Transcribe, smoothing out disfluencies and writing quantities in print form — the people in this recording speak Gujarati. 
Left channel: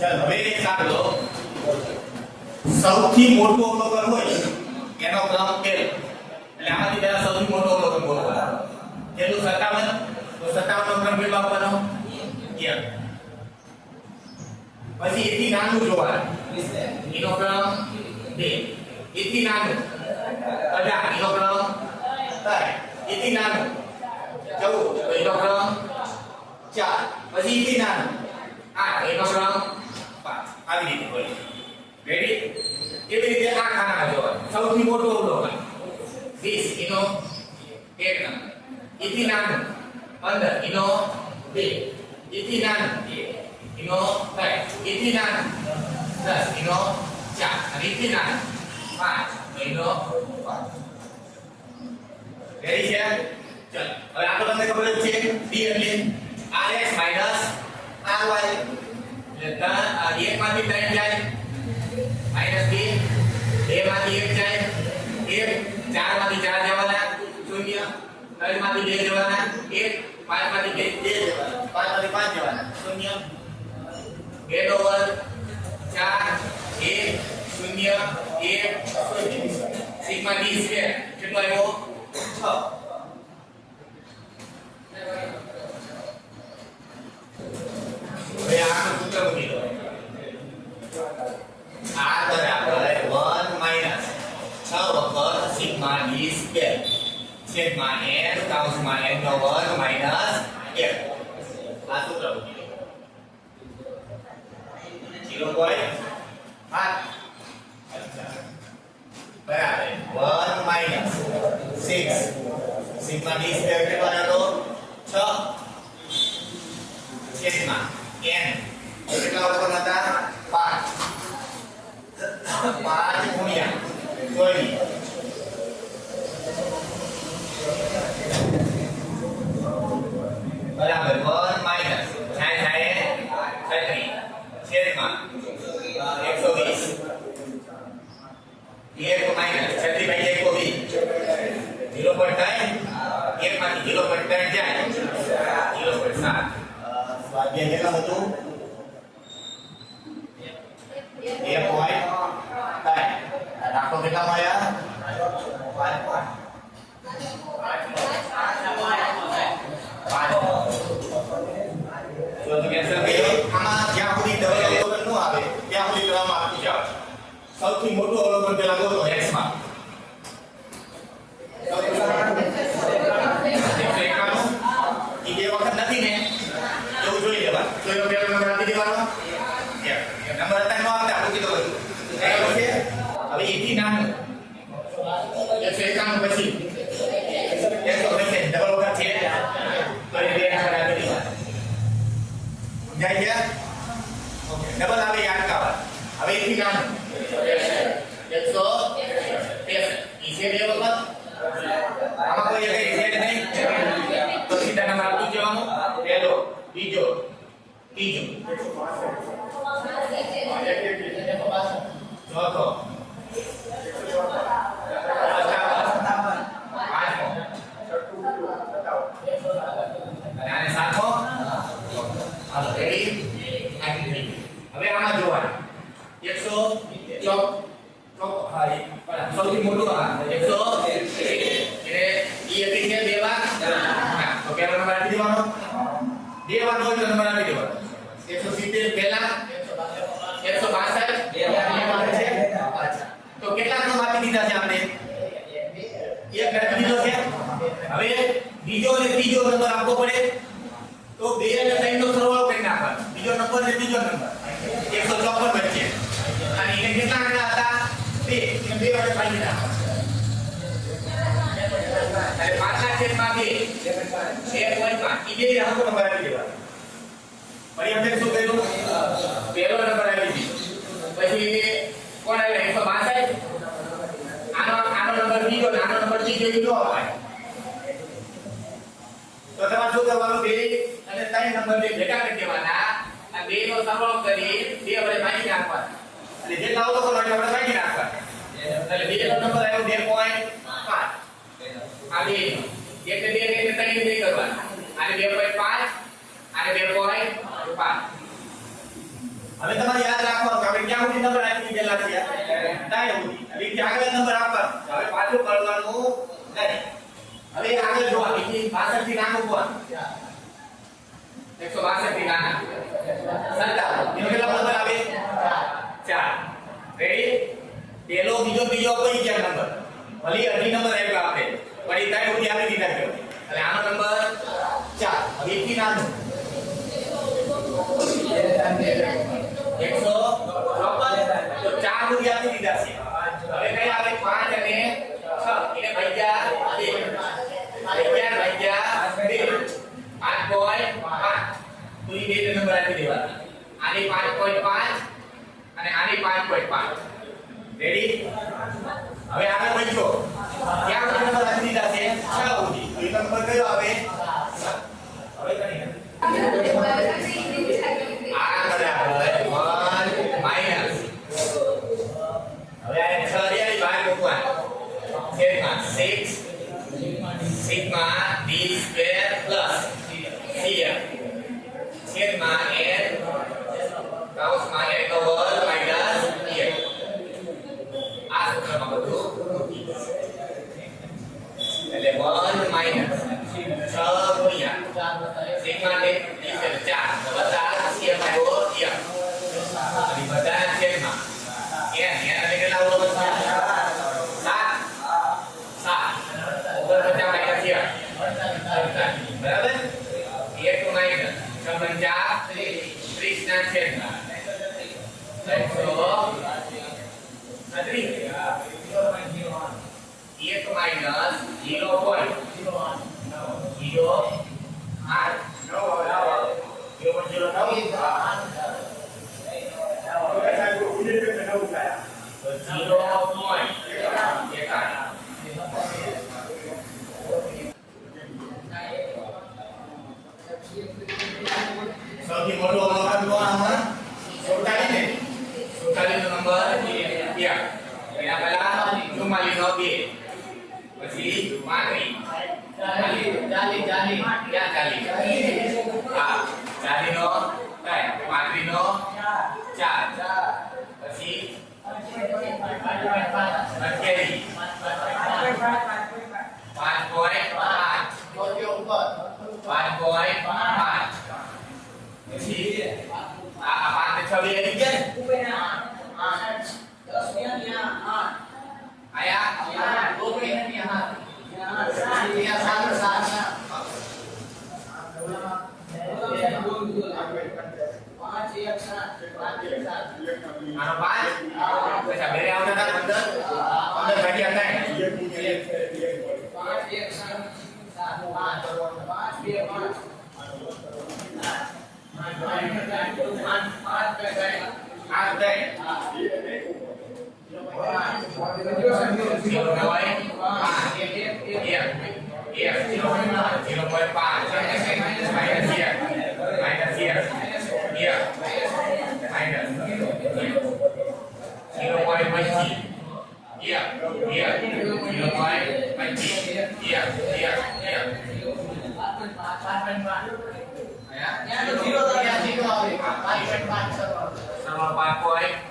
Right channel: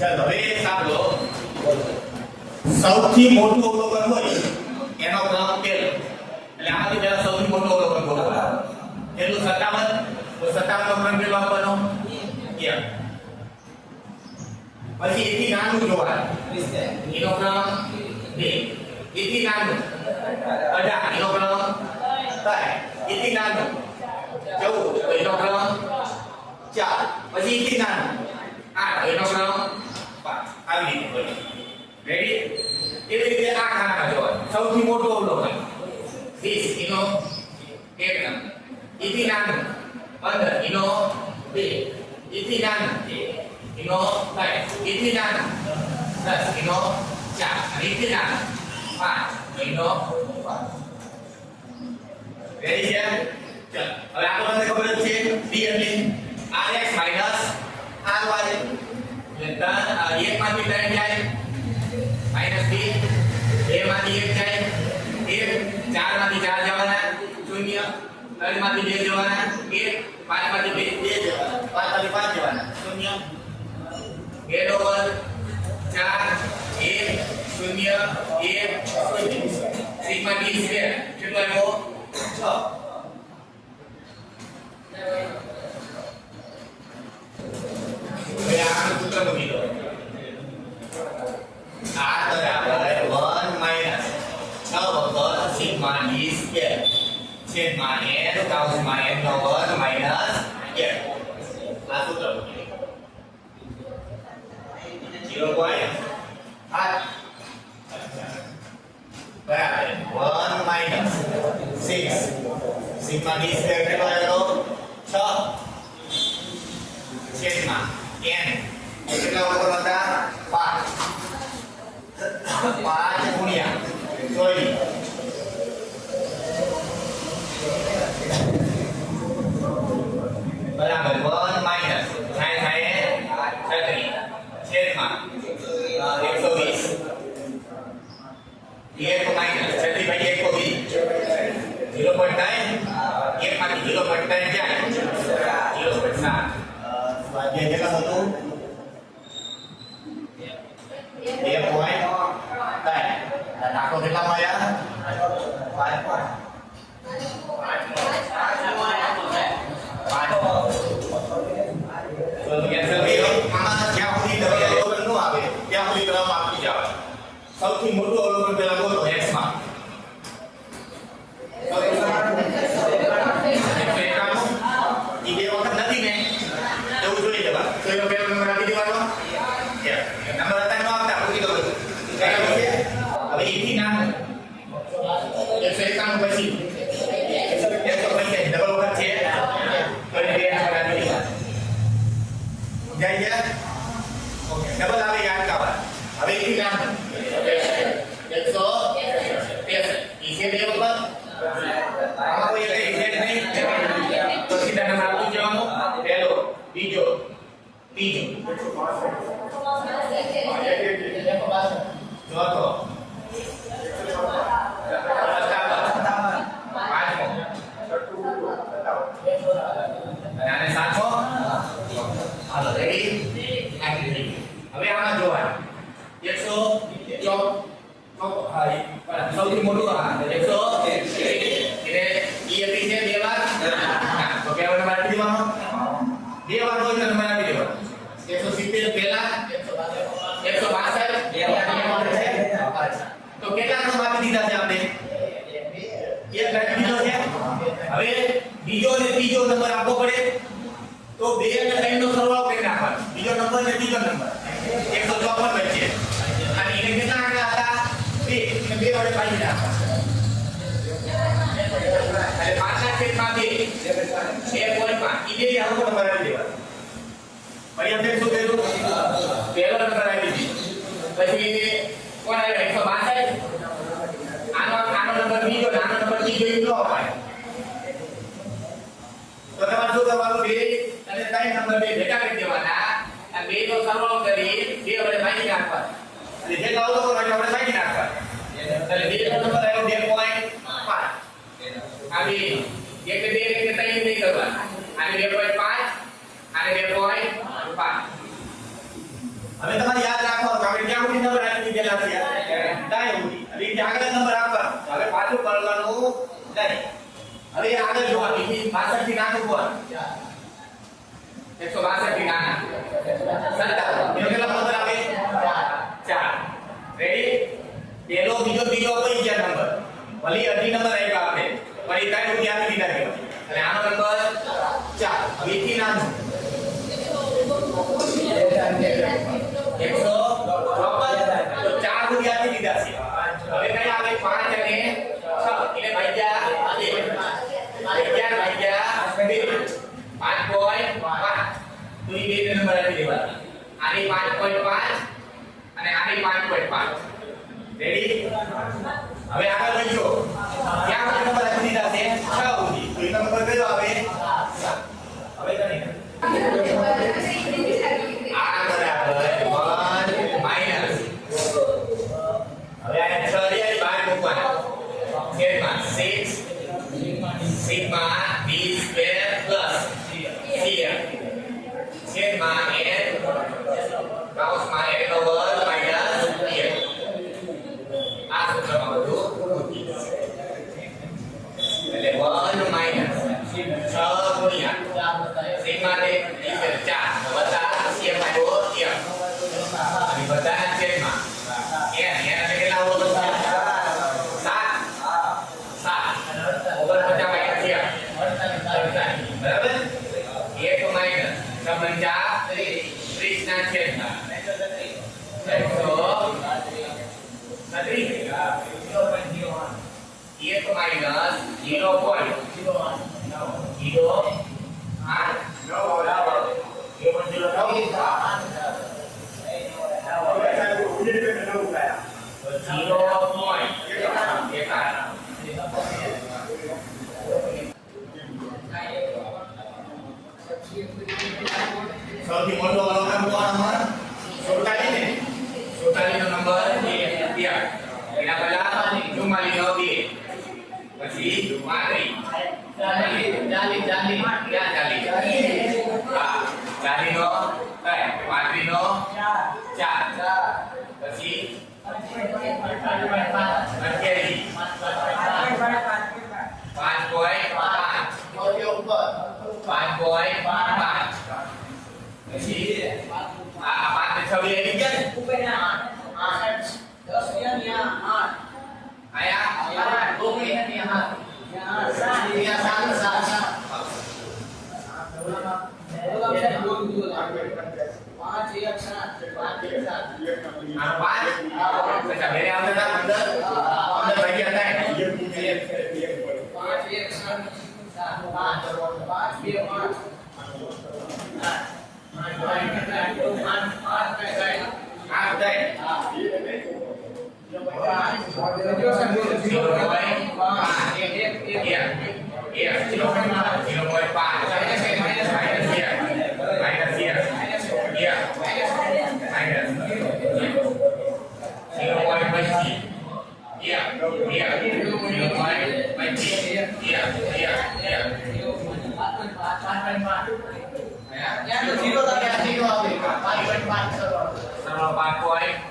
ચાલો હવે સાંભળો સૌથી મોટું અવલોકન હોય એનો ક્રમ પહેલો એટલે આમાંથી પહેલા સૌથી મોટું અવલોકન બોલો પહેલું 57 તો 57 નો ક્રમ કેટલો આપવાનો 1 પછી એથી નાનું જોવાનું એનો ક્રમ 2 એથી નાનું 18 એનો ક્રમ 3 એથી નાનું 14 તો એનો ક્રમ 4 પછી એથી નાનું 8 એનો ક્રમ 5 આવી રીતે બોલો રેડી એવી રીતે આ ખાનામાં જોવાનું સૌથી મોટું અવલોકન 20 એનો 1 નંબર એથી નાનું 15 એનો 2 એથી નાનું એનો 3 એથી નાનું 10 એનો 4 અને એથી નાનું 5 એનો 5 રેડી છે ચલો હવે આ તો તમને ખબર જ છે d એટલે rx ry એટલે 1 માંથી 3 જાય -2 2 માંથી 1 જાય 1 4 માંથી 4 જવાના 0 3 માંથી 2 જવાના 1 5 માંથી 2 જવાના 5 માંથી 5 જવાના 0 2 નો વર્ગ 4 1 0 1 0 સિગ્મા d સ્ક્વેર કેટલો આવ્યો 6 હવે આ સૂત્ર મૂકી દો r બરાબર 1 માઈનસ 6 વખત સિગ્મા d સ્ક્વેર છેદમાં n કૌંસમાં n નો વર્ગ માઈનસ 1 આ સૂત્ર મૂકી દો 0.8 બરાબર 1 માઈનસ 6 સિગ્મા d સ્ક્વેર કેટલો આવ્યો 6 છેદમાં n કેટલા અવલોકન હતા 5 5 ગુણ્યા 24 બરાબર 1 માઈનસ 36 છેદમાં 120 1 માઈનસ 36 ભાગ્યા 120 0.9 1 માંથી 0.9 જાય 0.7 સ્વાધ્યાય કેટલા હતું 2.3 દાખલો કેટલા મળ્યા 5 સૌથી મોટું અવલોકન પેલા બોલો x માં ઈ બે વખત નથી ને એવું જોઈ લેવા તો એનો પહેલો નંબર આપી દેવાનો નંબર હતા નો આપતા મૂકી દો બધું હવે એથી નાનું 151 પછી 125 ડબલ વખત છે તો એ બે નંબર આપી દેવા જાય ગયા ઓકે ડબલ આવે યાદ કાવા હવે એથી નાનું 163 ઈસે બે વખત આમાં કોઈ એક ઈસે નહીં તો સીધા નંબર આપી દેવાનો પહેલો બીજો ત્રીજો ચોથો પાંચમો અને આને સાતમો હાલો રેડી હવે આમાં જોવાનું 100 સૌથી મોટું 100 એટલે ઈ એકલી છે બે વાર તો પહેલો નંબર આપી દેવાનો બે વાર હોય તો નંબર આપી દેવાનો 170 પહેલા 162 તો કેટલા ક્રમ આપી દીધા છે આપણે એક આપી દીધો છે હવે બીજો અને ત્રીજો નંબર આપવો પડે તો 2 અને 3 નો સરવાળો કરી નાખવાનો બીજો નંબર ને ત્રીજો નંબર 154 વચ્ચે અને એને કેટલા આંકડા હતા 2 અને 2 વડે પાડી નાખવાના એટલે 5 ના છેદમાં 2 2.5 ઈ બે આંકડો નંબર આપી દેવાનો પછી આપણે શું કર્યું પહેલો નંબર આપી દીધો પછી કોણ આવ્યો 162 આનો નંબર બીજો આનો નંબર ત્રીજો ઈ નો અપાય તો તમારે શું કરવાનું 2 અને 3 નંબર બે ભેગા કરી દેવાના આ બે નો સરવાળો કરી 2 વડે ભાગી નાખવાના અને જેટલા આવતો કરો એટલે આપણે ભાગી નાખવાના એટલે 2 નો નંબર આવ્યો 2.5 આ બે એક બે એક 3 બે કરવાના આને 2.5 આને 2.5 હવે તમારે યાદ રાખવાનું કે આપણે ક્યાં સુધી નંબર રાખી દીધેલા છે ત્યાં સુધી. હવે ત્યાં આગળ નંબર આપવાનો. હવે પાછું કરવાનું નહીં. હવે આગળ જોવા બીજી 62 થી નાનું કોણ 162 થી નાના 57 એનો કેટલો નંબર આવે 4. રેડી? પેલો બીજો ત્રીજો કોઈ ગયા નંબર ભલે અઢી નંબર આવ્યા આપણે પણ એ ત્રણ સુધી આપી દીધા છે એટલે આનો નંબર 4. હવે થી નાનું 154 તો 4 સુધી આપી દીધા છે. હવે કઈ આવે 5 અને 6 એટલે ભાગ્યા 2 11 ભાગ્યા 2 5.5 તો એ બે નંબર આપી દેવાના. આની 5.5 અને આની 5.5. રેડી? હવે આગળ વધજો. ક્યાં સુધી નંબર આપી દીધા છે 6 સુધી. તો એ નંબર કયો આવે 7. હવે કરી આ બરાબર 1 માઈનસ. હવે આ 6 રિયાની બહાર મૂકવાના. છેદમાં 6 sigma d square plus cf છેદમાં n કૌંસમાં n નો વર્ગ માઈનસ df. આ સૂત્રમાં બધું મૂકી એટલે 1 માઈનસ 6 ગુણ્યા સિગ્મા d સ્ક્વેર 4 વત્તા cf આવ્યો df અને બધાના છેદમાં n એટલે કેટલા હોવો જોઈએ 7 ઉપર 50 માઈનસ 1 બરાબર 1 માઈનસ 6 30 ના છેદમાં 1 માઈનસ સૌથી મોટો નંબર કોણ આમાં 47 ને 47 નો નંબર 2 એના પહેલા 44 નો 2 પછી 35 40 નો 35 નો 4 પછી 5.5 પછી આ 5 ને 6 લઈ ગયા ને આયા Point